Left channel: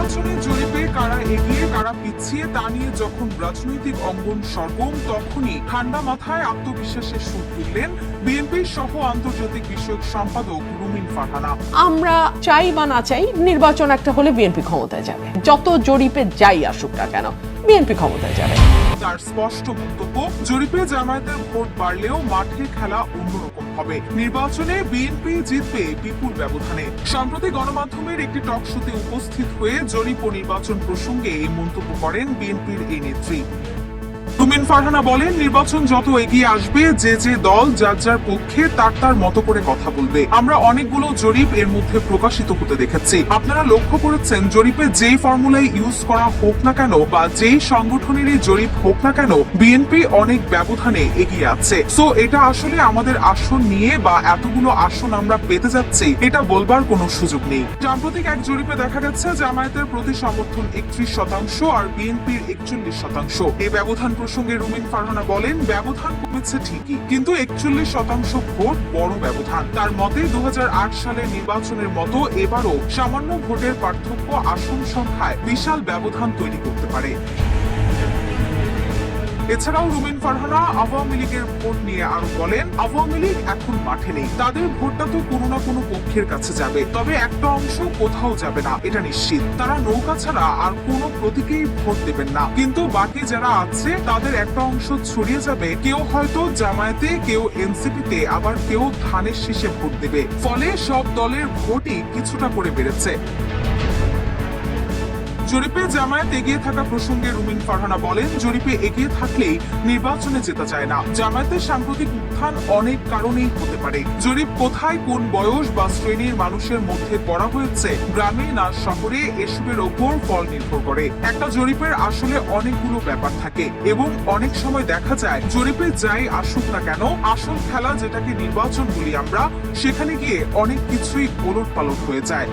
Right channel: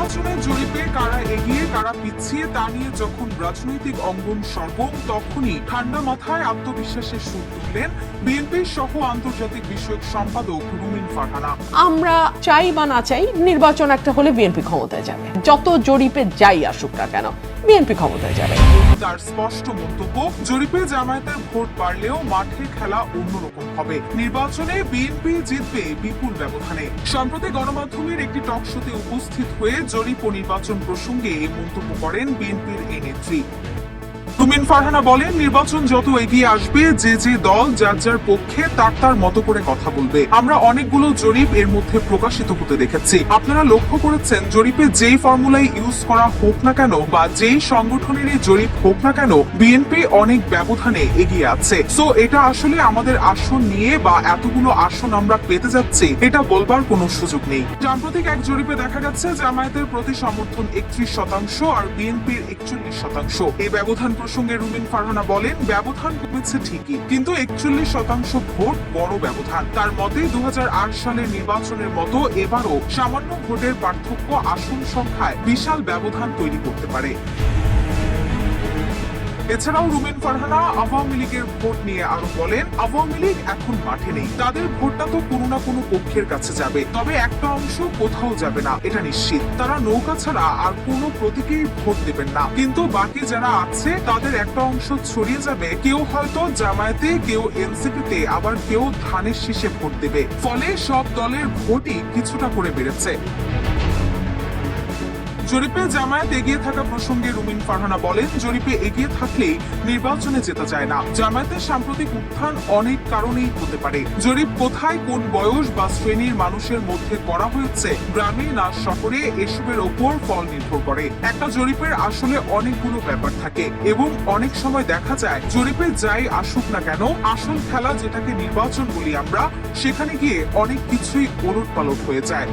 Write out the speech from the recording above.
নির্বাচনে জরিপে কারা এগিয়ে কারা পিছিয়ে তা নিয়ে যখন রাজনৈতিক অঙ্গন সরগম, তখনই ঠান্ডা মাথায় আত্মবিশ্বাসের সুর তুললেন বিএনপির সহ আন্তর্জাতিক বিষয়ক সম্পাদক রুমিন ফারহানা। আমরা চাই বা না চাই, নির্বাচন একটা হলে বিএনপি ক্ষমতায় যাবে, যত জরিপে যাই আসুক না কেন বিএনপি ক্ষমতায় যাবে। তার স্পষ্ট বক্তব্য, জরিপে জামায়াতের ভোট বাড়লেও মাঠে খেলা অন্যরকম হবে, নির্বাচনে বিএনপি জিতবে বিপুল ব্যবধানে। সম্প্রতি গণমাধ্যমের একটি টক শোতে উপস্থিত হয়ে জরিপ ও নির্বাচন প্রসঙ্গে এই মন্তব্য করেন বিএনপির এই নেত্রী। রুমিন ফারহানা বলেন, নির্বাচন যত এগিয়ে আসবে যে যে দল যার যার পক্ষে তার মতো করে কথা বলবে। আমরা অনেকগুলো জরিপ এর মধ্যে প্রকাশিত হতে দেখেছি। আপনারা লক্ষ্য করেছেন, জরিপে যেই ফর্মুলাই ইউজ করা হোক না কেন বা যেই সংগঠনেরই জরিপ হোক না কেন, বিএনপি অনেক ব্যবধানে এগিয়ে আছে। সো এটা আসলে আমাদের আসন নিয়ে বা এতগুলো আসন আমরা পেতে যাচ্ছি এটা বলবার কোনো সুযোগ নেই। সাম্প্রতিক এক জরিপে দেখা যাচ্ছে জামায়াতের প্রতি সমর্থন 31% আর বিএনপির 41%। এই ব্যবধান প্রসঙ্গে রুমিন ফারহানা বলেন, ব্যবধান কমেছে ঠিকই, কিন্তু 41% ভোট বড় ব্যবধান। তার মতে 2008 সালের নির্বাচনের মতো এবারও সামান্য ভোটের পার্থক্য আসন সংখ্যায় বিশাল ব্যবধান তৈরি করতে পারে। এছাড়াও রুমিন ফারহানা আওয়ামী লীগের ভোট নিয়ে আরো বলেন, আওয়ামী লীগ এখন মাঠে নেই, তাদের ভোটটা তো কোনো না কোনো পক্ষের কাছে যাবে, তবে একটা অংশ কোথাও যাবে না এটা নিশ্চিত। তারা নৌকা ছাড়া আর কোনো প্রতীকে ভোট দেবেন না, কিন্তু বাকি যারা আছে তাদের একটা অংশ ছড়িয়ে যাবে, কেউ হয়তো জামায়াতে, কেউ এনসিপিতে, আবার কেউ ধানের শীষে ভোট দেবে। ফলে সব দলের ভোটই কিছুটা করে বেড়েছে। জরিপে জামায়াত এগিয়ে থাকা প্রসঙ্গে রুমিন ফারহানা বলেন, জরিপে এগিয়ে থাকলেই নির্বাচনে যেতে চায় না। জামায়াতের সাম্প্রতিক উত্থান অনেক কারণেই হতে পারে। জরিপ কোথায়, কোন বয়স বা শ্রেণীর মানুষের মধ্যে করা হয়েছে, গ্রামে না শহরে, এসবের ওপর ফল নির্ভর করে। একটা জরিপের আসলে অনেকগুলো ব্যাপার থাকে এবং অনেক সময় দেখা যায় জরিপে যাই আসুক না কেন, আসল খেলা যেটাকে নির্বাচন বলি আমরা, সেখানে গিয়ে অনেক কিছুই ওলটপালট হয়ে যায়।